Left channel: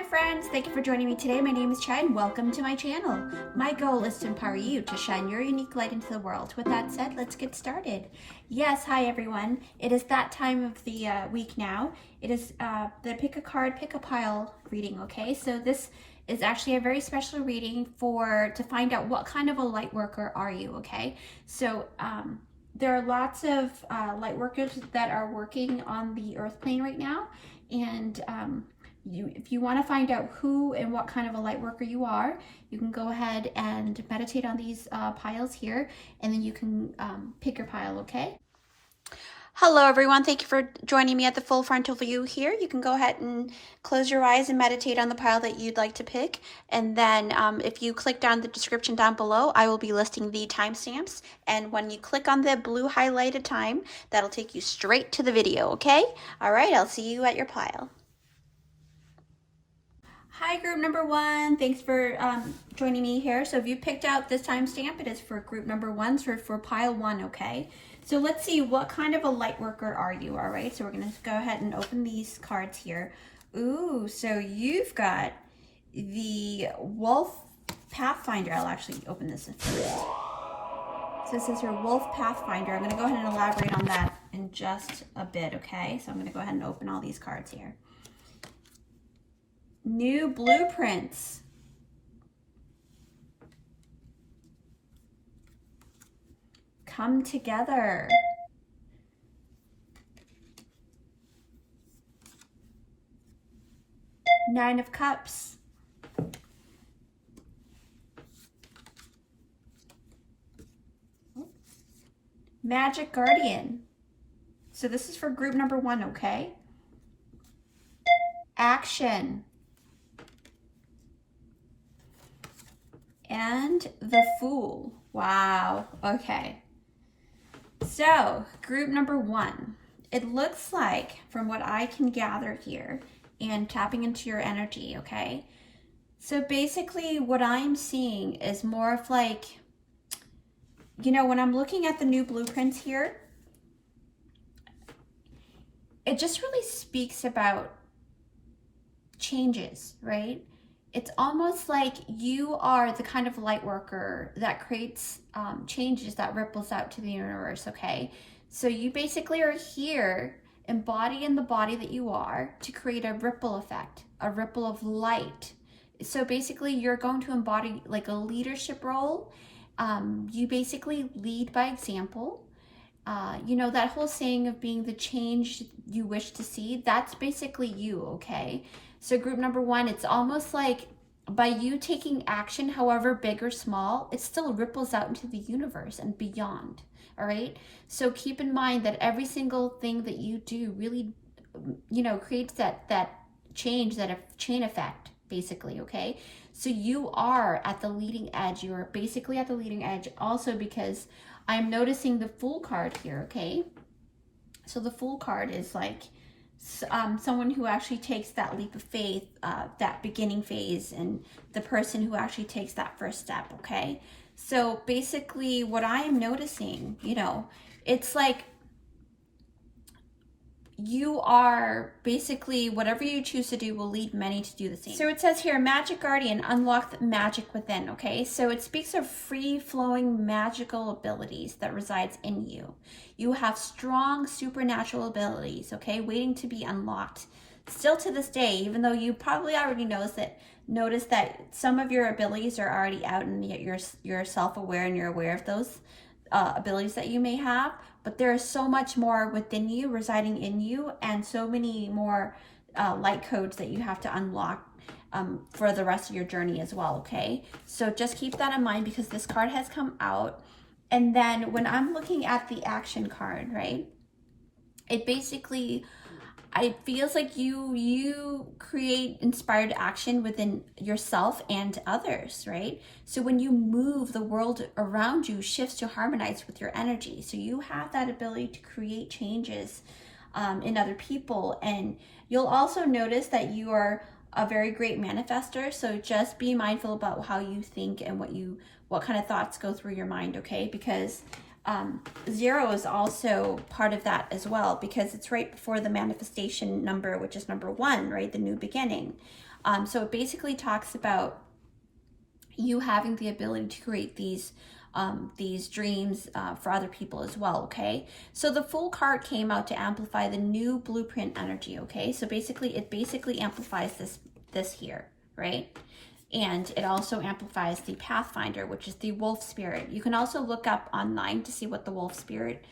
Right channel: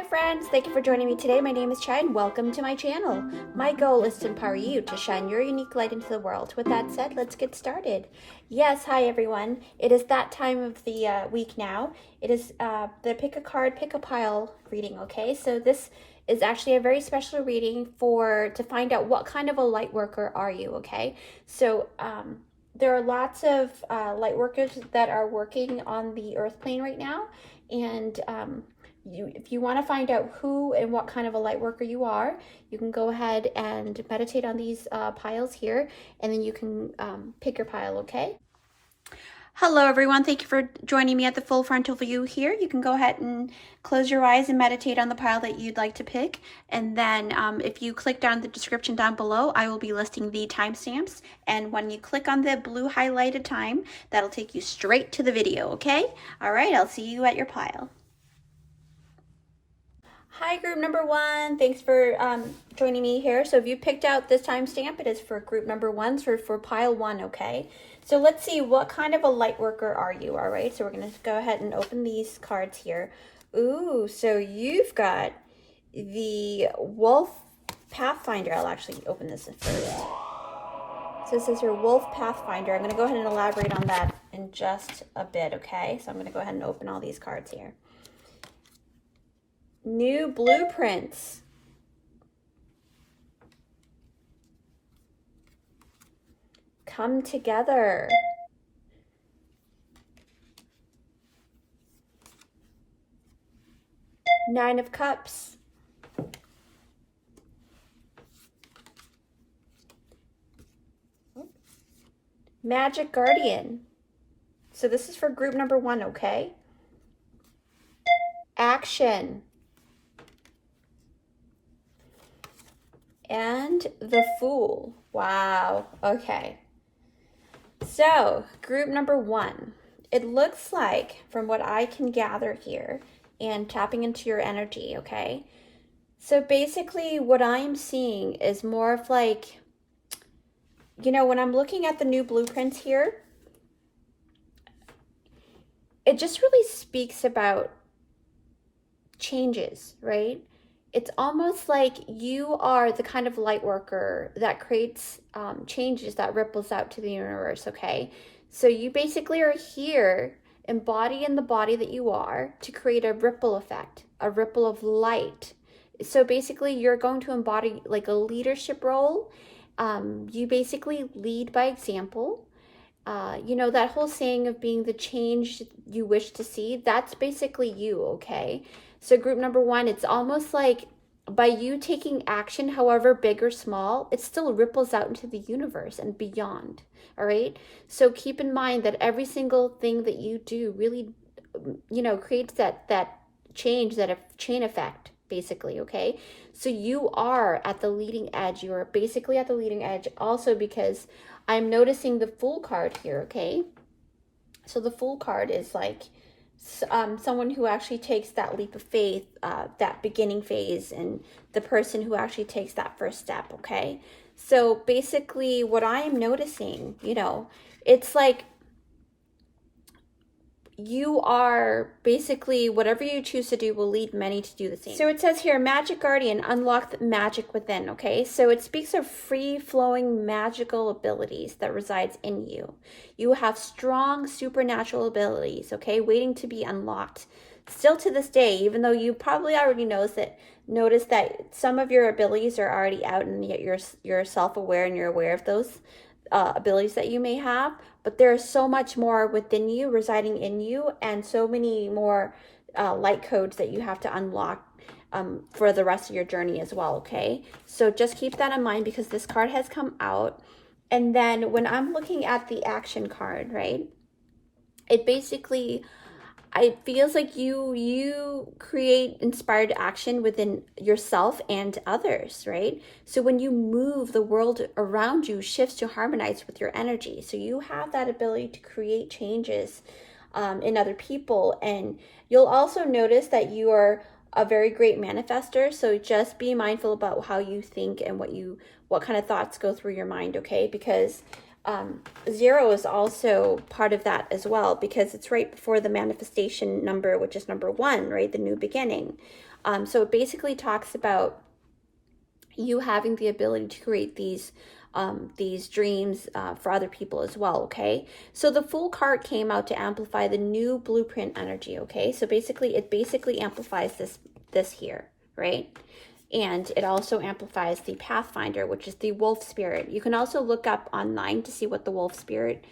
Hi friends, thank you for joining me today. My name is Chai and welcome to my channel. My goal is to empower you to shine your unique light into the world. With that said, let's get started. Yes, hi everyone. It is that time of the week now. It is the pick a card, pick a pile reading, okay? So this is actually a very special reading to find out what kind of a light worker are you, okay? So there are lots of light workers that are working on the earth plane right now, and if you want to find out who and what kind of a light worker you are, you can go ahead and meditate on these piles here, and then you can pick your pile, okay? Hello everyone, thank you for joining me at the full frontal view here. You can go ahead and close your eyes and meditate on the pile that you'd like to pick. And then if you click down the description down below, I will be listing the timestamps. And when you click on the blue highlighted time, that'll take you straight to the video, okay? All right, I'll see you at your pile. Hi, group number one. Thanks for joining me here. So if you picked out this timestamp, it is for group number one, so for pile one, okay? So let's see, what kind of a light worker are you, all right? So we're going to go ahead and open these cards here. Ooh, so you've got the Wolf Pathfinder. I'll actually open this first. So this is your Wolf Pathfinder. I'm going to go ahead and elaborate on that in just a bit, okay? So I'm going to go ahead and open all these cards here. New blueprints. Come together. Nine of Cups. Magic Guardian. So this is for group number one, okay? Action. And the Fool. Wow. Okay. So, group number one. It looks like, from what I can gather here, and tapping into your energy, okay? So basically, what I am seeing is more of like, you know, when I'm looking at the new blueprints here, it just really speaks about changes, right? It's almost like you are the kind of light worker that creates changes that ripples out to the universe, okay? So you basically are here embodying the body that you are to create a ripple effect, a ripple of light. So basically you're going to embody like a leadership role. You basically lead by example. You know, that whole saying of being the change you wish to see, that's basically you, okay? So group number one, it's almost like by you taking action, however big or small, it still ripples out into the universe and beyond, all right? So keep in mind that every single thing that you do really, you know, creates that change, that chain effect, basically, okay? So you are at the leading edge. You're basically at the leading edge also because I'm noticing the Fool card here, okay? So the Fool card is like someone who actually takes that leap of faith, that beginning phase, and the person who actually takes that first step, okay? So basically what I am noticing, you know, it's like you are basically, whatever you choose to do will lead many to do the same. So it says here, Magic Guardian, unlock the magic within, okay? So it speaks of free-flowing magical abilities that resides in you. You have strong supernatural abilities, okay, waiting to be unlocked. Still to this day, even though you probably already notice that some of your abilities are already out and yet you're self-aware and you're aware of those abilities that you may have, but there's so much more within you, residing in you, and so many more light codes that you have to unlock for the rest of your journey as well, okay? So just keep that in mind because this card has come out. And then when I'm looking at the action card, right, it basically, it feels like you create inspired action within yourself and others, right? So when you move, the world around you shifts to harmonize with your energy. So you have that ability to create changes in other people. And you'll also notice that you are a very great manifester. So just be mindful about how you think and what kind of thoughts go through your mind, okay? Because 0 is also part of that as well, because it's right before the manifestation number, which is number 1, right? The new beginning. So it basically talks about you having the ability to create these dreams for other people as well. Okay, so the Fool card came out to amplify the new blueprint energy. Okay, so basically it amplifies this here, right? And it also amplifies the Pathfinder, which is the wolf spirit. You can also look up online to see what the wolf spirit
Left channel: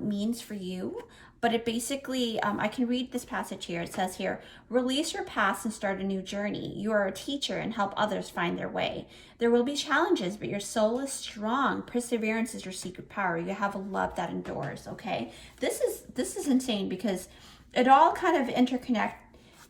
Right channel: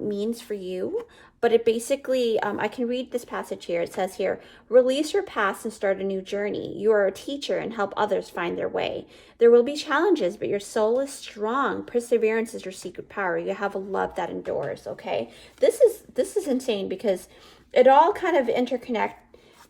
means for you. But it basically, I can read this passage here. It says here, release your past and start a new journey. You are a teacher and help others find their way. There will be challenges, but your soul is strong. Perseverance is your secret power. You have a love that endures, okay? This is insane because it all kind of interconnect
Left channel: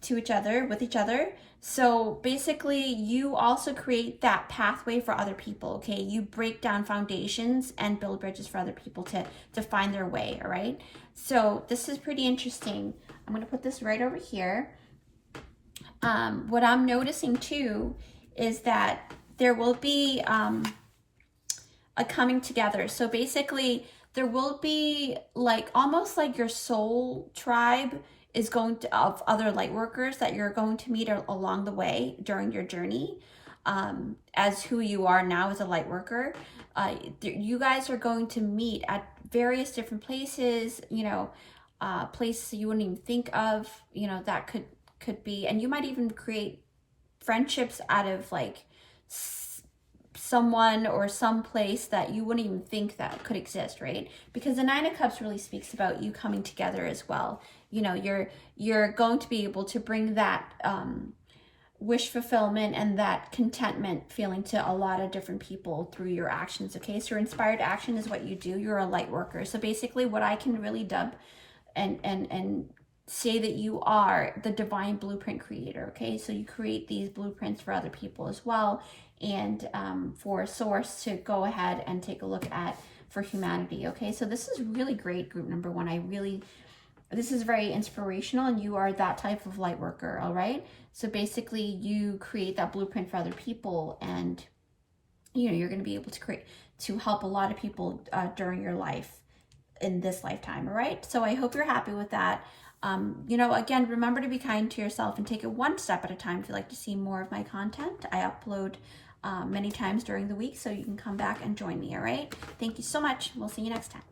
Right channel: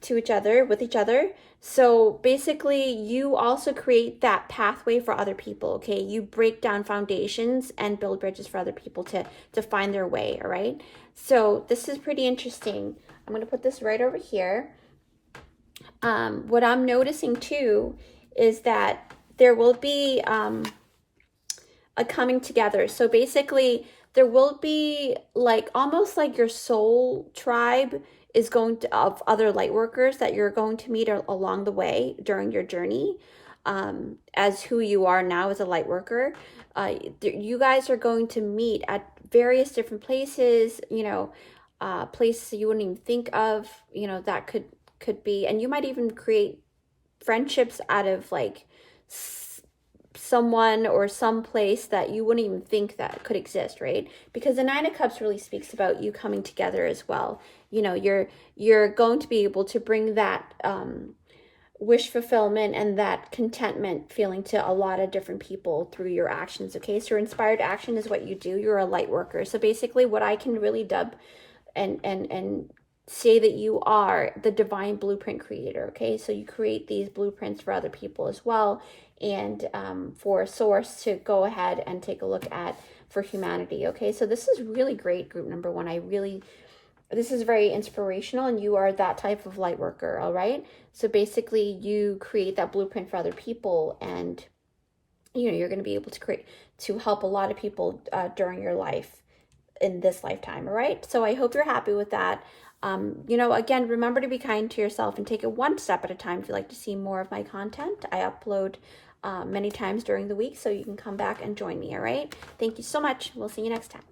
to each other, with each other. So basically, you also create that pathway for other people, okay? You break down foundations and build bridges for other people to find their way, all right? So this is pretty interesting. I'm going to put this right over here. What I'm noticing too is that there will be a coming together. So basically, there will be like almost like your soul tribe is going to, of other light workers that you're going to meet along the way during your journey, as who you are now as a light worker. You guys are going to meet at various different places, you know, places you wouldn't even think of, you know, that could be, and you might even create friendships out of like someone or some place that you wouldn't even think that could exist, right? Because the Nine of Cups really speaks about you coming together as well. You know, you're going to be able to bring that wish fulfillment and that contentment feeling to a lot of different people through your actions. Okay, so your inspired action is what you do. You're a light worker. So basically what I can really dub and say that you are the divine blueprint creator. Okay, so you create these blueprints for other people as well, and for source to go ahead and take a look at for humanity. Okay, so this is really great, group number one. This is very inspirational, and you are that type of light worker. All right, so basically you create that blueprint for other people, and you know you're going to be able to help a lot of people during your life in this lifetime. All right, so I hope you're happy with that. You know, again, remember to be kind to yourself and take it one step at a time. If you'd like to see more of my content, I upload many times during the week, so you can come back and join me. All right, thank you so much. We'll see you next time.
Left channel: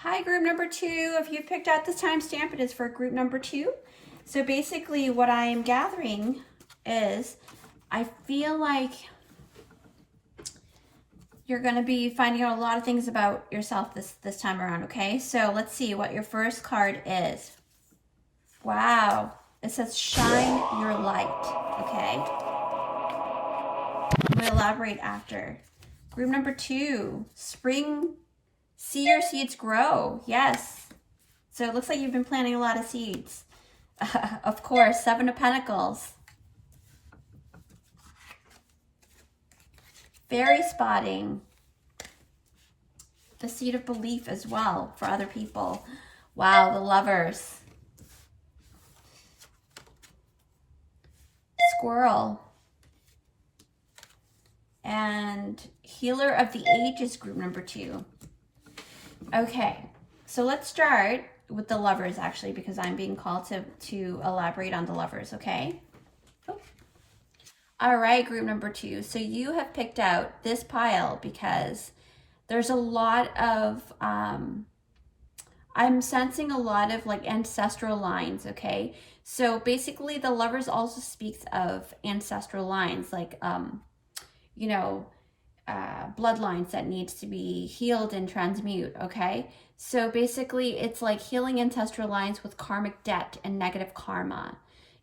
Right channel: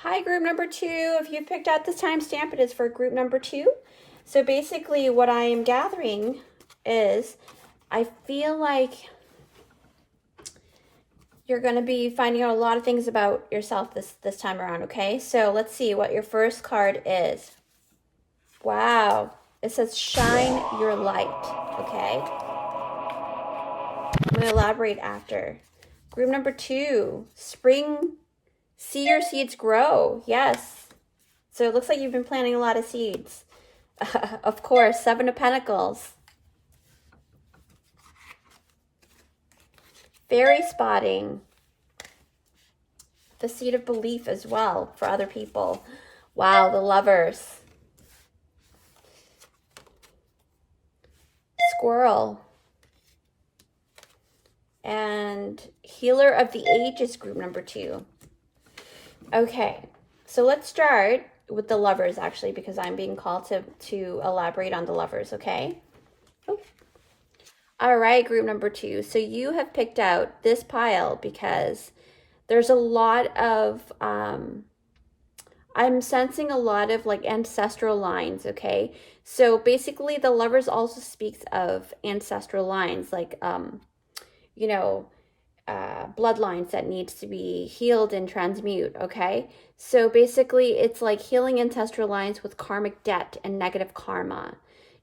Hi, group number two. If you've picked out this timestamp, it is for group number two. So basically what I am gathering is I feel like you're going to be finding out a lot of things about yourself this time around, okay? So let's see what your first card is. Wow. It says shine your light, okay? I'm going to elaborate after. Group number two, spring. See your seeds grow. Yes. So it looks like you've been planting a lot of seeds. Of course, Seven of Pentacles. Fairy spotting. The seed of belief as well for other people. Wow, the Lovers. Squirrel. And Healer of the Ages, group number two. Okay, so let's start with the Lovers, actually, because I'm being called to elaborate on the Lovers, okay? Oops. All right, group number two. So you have picked out this pile because there's a lot of, I'm sensing a lot of like ancestral lines, okay? So basically the Lovers also speaks of ancestral lines, like, you know, bloodlines that needs to be healed and transmute, okay? So basically it's like healing ancestral lines with karmic debt and negative karma.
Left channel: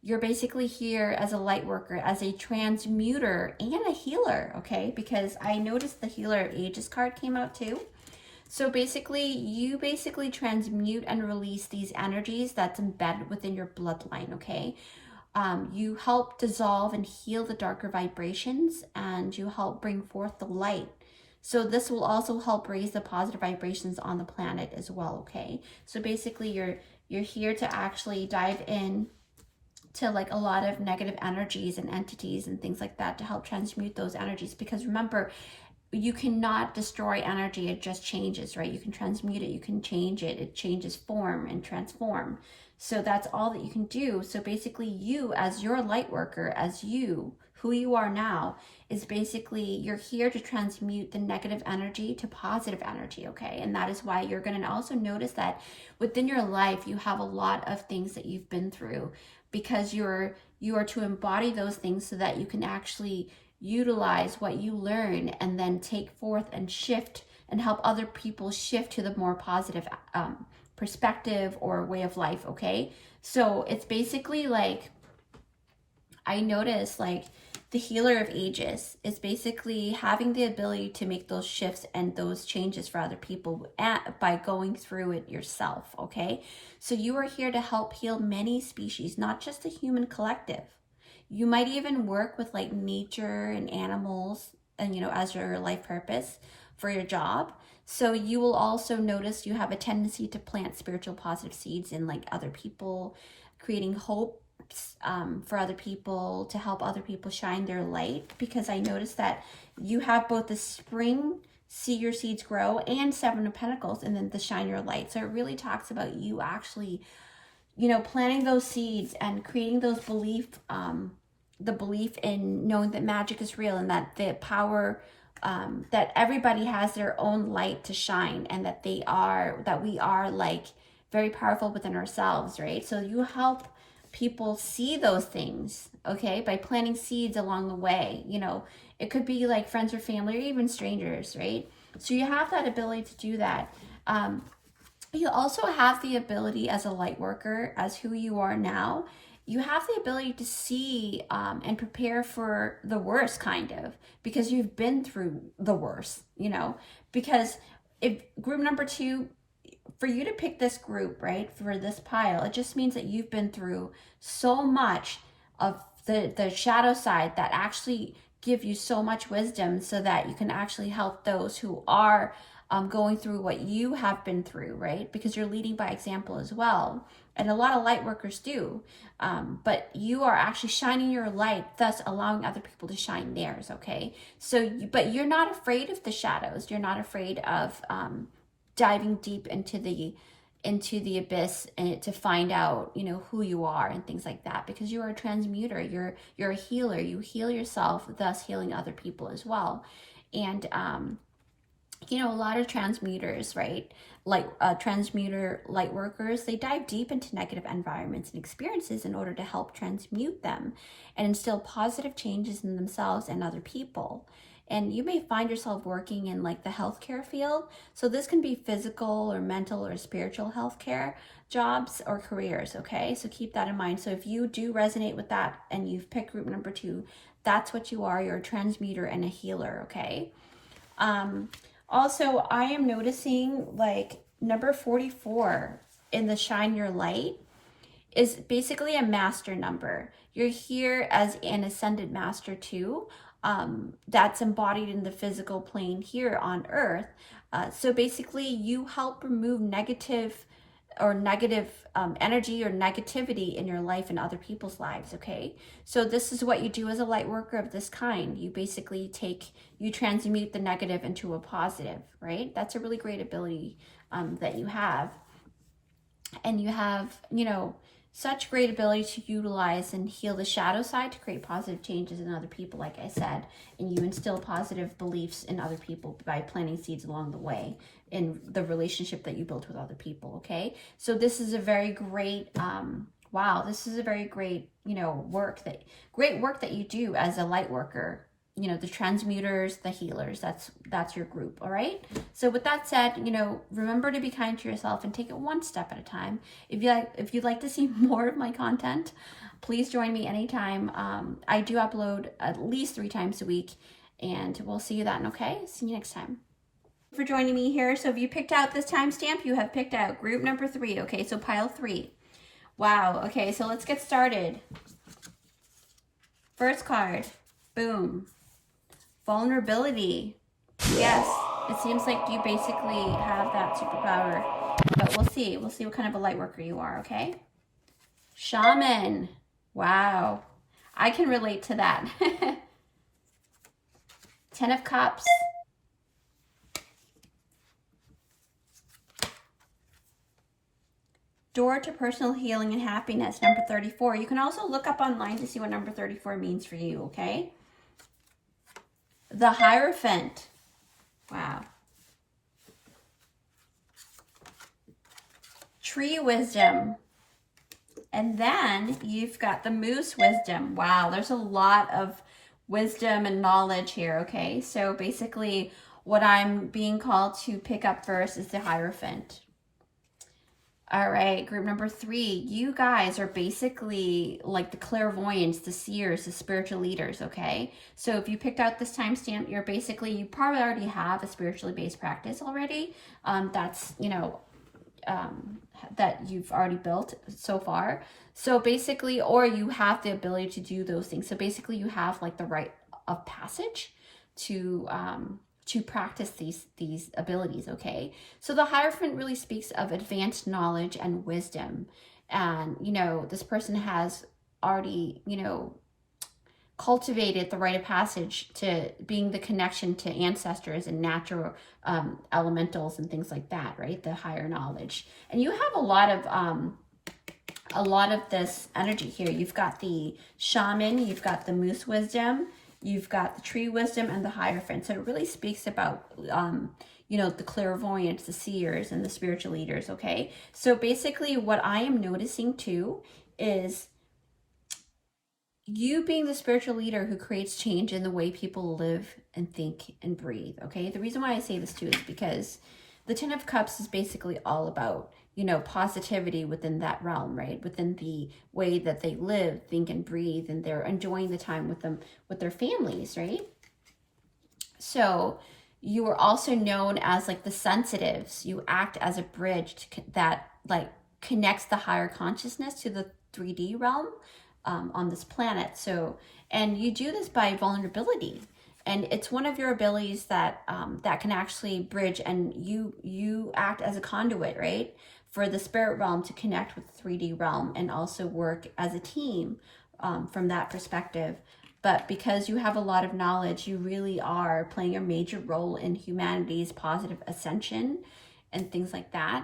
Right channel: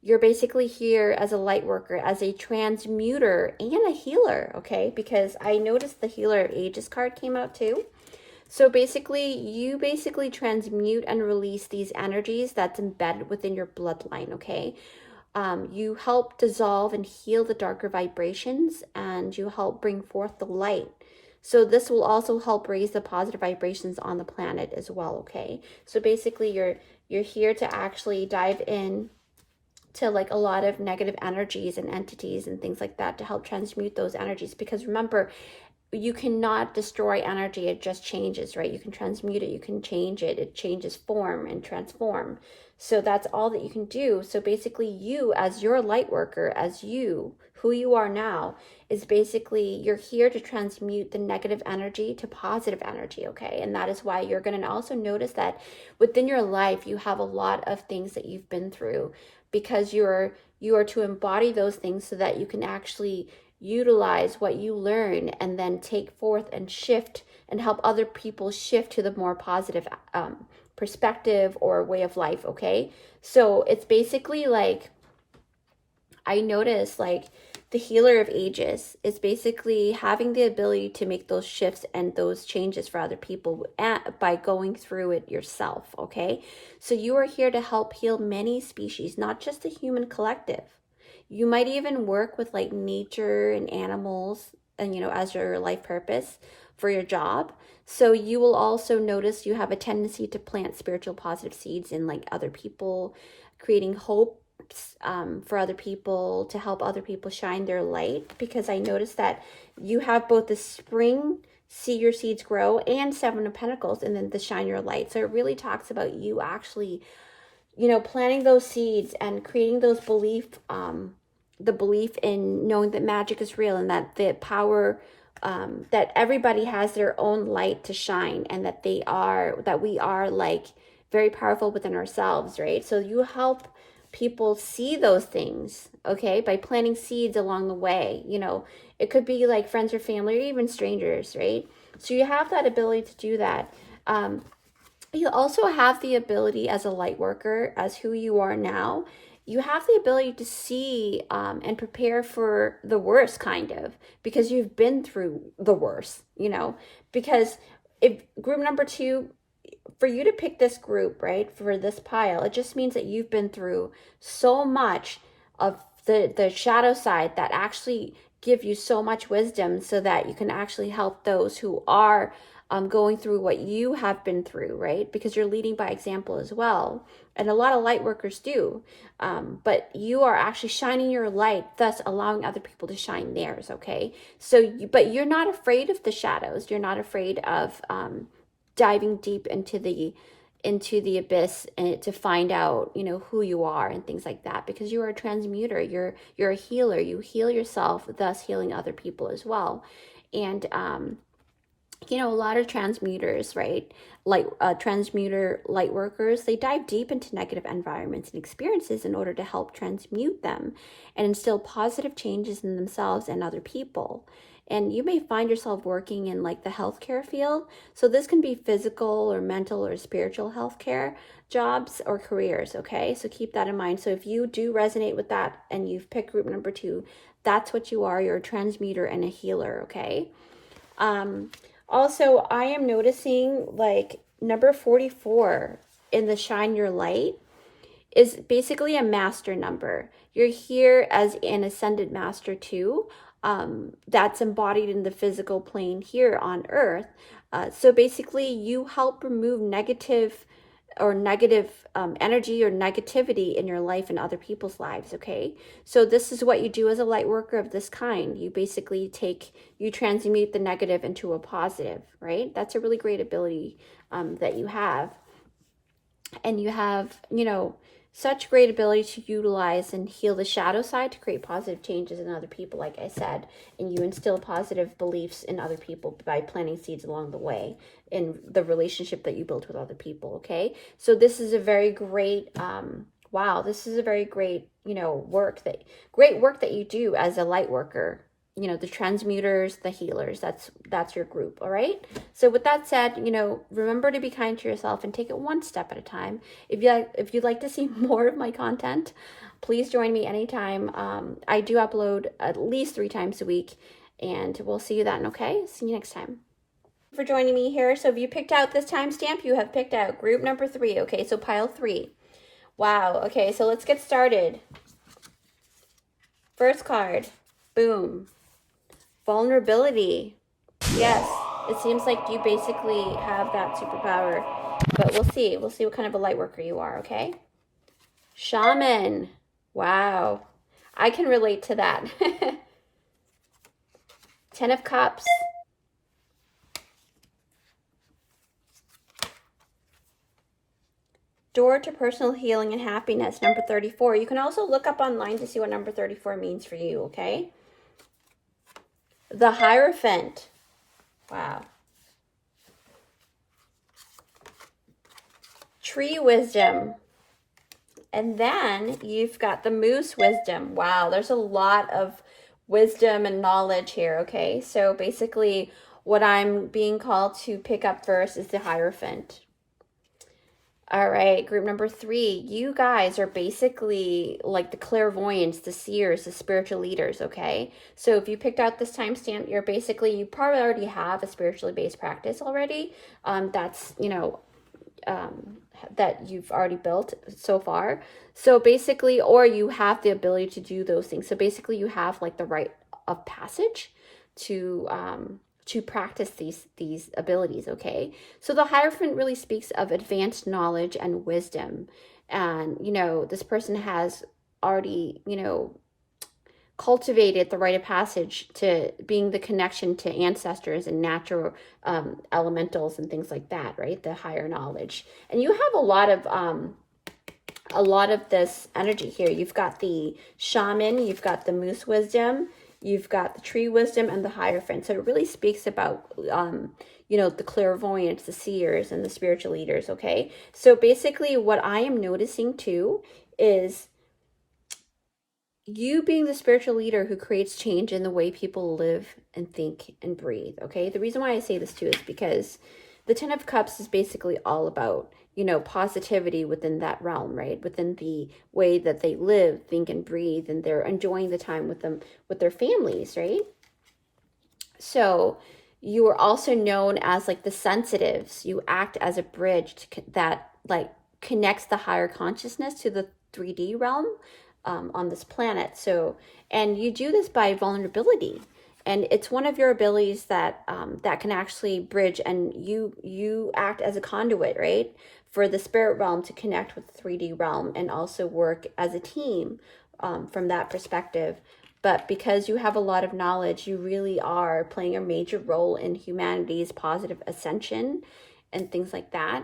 You're basically here as a light worker, as a transmuter and a healer, okay? Because I noticed the Healer of Ages card came out too. So basically you transmute and release these energies that's embedded within your bloodline, okay? You help dissolve and heal the darker vibrations, and you help bring forth the light. So this will also help raise the positive vibrations on the planet as well, okay? So basically you're here to actually dive in to like a lot of negative energies and entities and things like that to help transmute those energies. Because remember, you cannot destroy energy, it just changes, right? You can transmute it, you can change it, it changes form and transform. So that's all that you can do. So basically you, as your light worker, as you, who you are now, is basically you're here to transmute the negative energy to positive energy, okay? And that is why you're going to also notice that within your life you have a lot of things that you've been through, because you are to embody those things so that you can actually utilize what you learn and then take forth and shift and help other people shift to the more positive perspective or way of life, okay? So it's basically like, I notice like the healer of ages is basically having the ability to make those shifts and those changes for other people by going through it yourself, okay? So you are here to help heal many species, not just the human collective. You might even work with like nature and animals and, as your life purpose for your job. So you will also notice you have a tendency to plant spiritual positive seeds in like other people, creating hope for other people, to help other people shine their light, because I noticed that you have both the spring, see your seeds grow, and Seven of Pentacles, and then the shine your light. So it really talks about you actually, planting those seeds and creating those the belief in knowing that magic is real, and that the power, that everybody has their own light to shine, and that we are like very powerful within ourselves, right? So you help people see those things, okay, by planting seeds along the way. It could be like friends or family or even strangers, right? So you have that ability to do that. You also have the ability as a light worker, as who you are now, you have the ability to see and prepare for the worst, kind of, because you've been through the worst, because if group number 2, for you to pick this group, right, for this pile, it just means that you've been through so much of the shadow side that actually give you so much wisdom, so that you can actually help those who are going through what you have been through, right? Because you're leading by example as well. And a lot of light workers do. But you are actually shining your light, thus allowing other people to shine theirs, okay? So, but you're not afraid of the shadows. You're not afraid of diving deep into the abyss and to find out, who you are and things like that, because you are a transmuter. You're a healer. You heal yourself, thus healing other people as well. And a lot of transmuters, right, like transmuter light workers, they dive deep into negative environments and experiences in order to help transmute them and instill positive changes in themselves and other people. And you may find yourself working in like the healthcare field. So this can be physical or mental or spiritual healthcare jobs or careers, okay? So keep that in mind. So if you do resonate with that and you've picked group number 2, that's what you are. You're a transmuter and a healer, okay? Also, I am noticing like number 44 in the Shine Your Light is basically a master number. You're here as an ascended master too. That's embodied in the physical plane here on Earth. So basically you help remove negative energy or negativity in your life and other people's lives, okay? So this is what you do as a light worker of this kind. You basically you transmute the negative into a positive, right? That's a really great ability that you have. And you have, such great ability to utilize and heal the shadow side to create positive changes in other people, like I said. And you instill positive beliefs in other people by planting seeds along the way in the relationship that you build with other people, okay? So this is a very great, this is a very great, work that you do as a light worker. The transmuters, the healers, that's your group, all right? So with that said, remember to be kind to yourself and take it one step at a time. If you'd like to see more of my content, please join me anytime. I do upload at least 3 times a week, and we'll see you then, okay? See you next time. For joining me here. So if you picked out this timestamp, you have picked out group number 3, okay? So pile 3. Wow, okay, so let's get started. First card, boom. Vulnerability. Yes, it seems like you basically have that superpower, but we'll see. We'll see what kind of a light worker you are, okay? Shaman. Wow. I can relate to that. 10 of Cups. Door to personal healing and happiness, number 34. You can also look up online to see what number 34 means for you, okay? The Hierophant. Wow. Tree wisdom. And then you've got the moose wisdom. Wow, there's a lot of wisdom and knowledge here, okay? So basically what I'm being called to pick up first is the Hierophant. All right, group number 3, you guys are basically like the clairvoyants, the seers, the spiritual leaders, okay? So if you picked out this timestamp, you're basically, you probably already have a spiritually based practice already. That's, you know, that you've already built so far. So basically, or you have the ability to do those things. So basically you have like the rite of passage to practice these abilities, okay? So the Hierophant really speaks of advanced knowledge and wisdom. And, you know, this person has already, you know, cultivated the rite of passage to being the connection to ancestors and natural elementals and things like that, right? The higher knowledge. And you have a lot of this energy here. You've got the shaman, you've got the moose wisdom, you've got the tree wisdom, and the Hierophant. So it really speaks about, you know, the clairvoyants, the seers, and the spiritual leaders, okay? So basically what I am noticing too is you being the spiritual leader who creates change in the way people live and think and breathe, okay? The reason why I say this too is because the 10 of Cups is basically all about, you know, positivity within that realm, right? Within the way that they live, think, and breathe, and they're enjoying the time with them, with their families, right? So you are also known as like the sensitives. You act as a bridge that like connects the higher consciousness to the 3D realm on this planet. So, and you do this by vulnerability. And it's one of your abilities that that can actually bridge, and you act as a conduit, right, for the spirit realm to connect with the 3D realm and also work as a team from that perspective. But because you have a lot of knowledge, you really are playing a major role in humanity's positive ascension and things like that.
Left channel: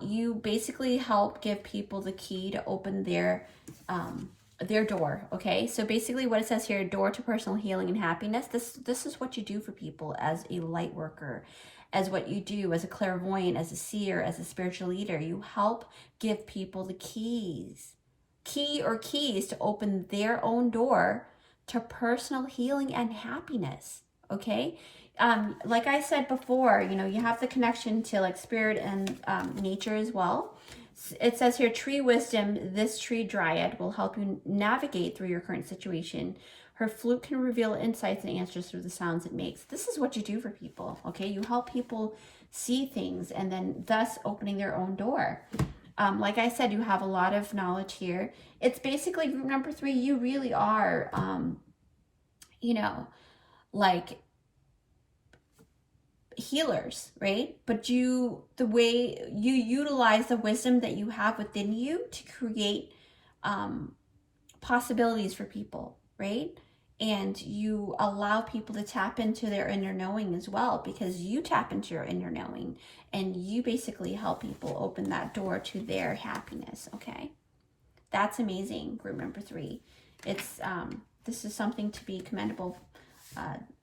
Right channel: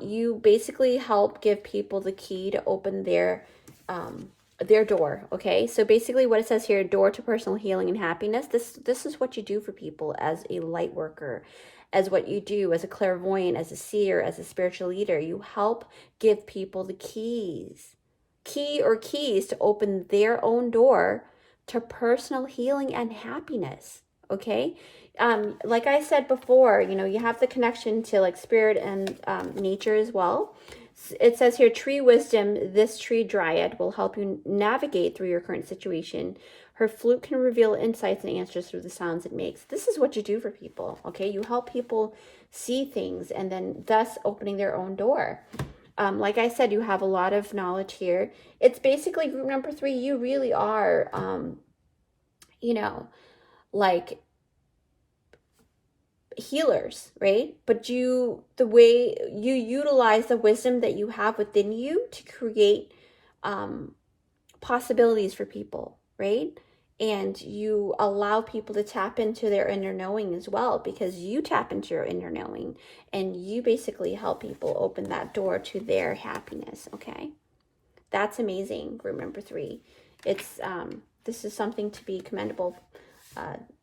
You basically help give people the key to open their door, okay? So basically what it says here, door to personal healing and happiness, this is what you do for people as a light worker, as what you do as a clairvoyant, as a seer, as a spiritual leader. You help give people the keys to open their own door to personal healing and happiness, okay? Like I said before, you know, you have the connection to like spirit and nature as well. It says here, tree wisdom, this tree dryad will help you navigate through your current situation. Her flute can reveal insights and answers through the sounds it makes. This is what you do for people, okay? You help people see things and then thus opening their own door. Like I said, you have a lot of knowledge here. It's basically group number 3. You really are, you know, like healers, right? But the way you utilize the wisdom that you have within you to create possibilities for people, right? And you allow people to tap into their inner knowing as well, because you tap into your inner knowing and you basically help people open that door to their happiness, okay? That's amazing, group number 3. It's this is something to be commendable,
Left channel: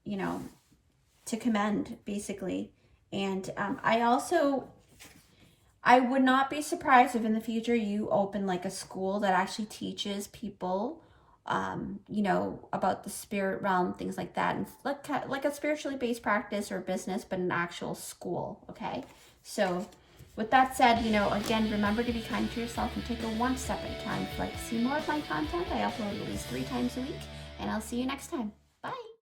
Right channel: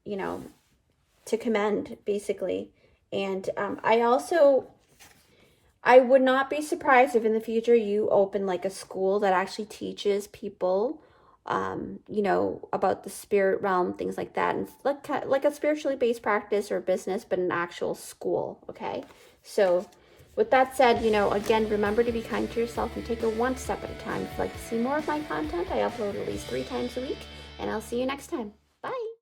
you know, to commend basically. And I would not be surprised if in the future you open like a school that actually teaches people you know, about the spirit realm, things like that, and like a spiritually based practice or business, but an actual school, okay? So with that said, you know, again, remember to be kind to yourself and take it one step at a time. If you'd like to see more of my content, I upload at least 3 times a week, and I'll see you next time.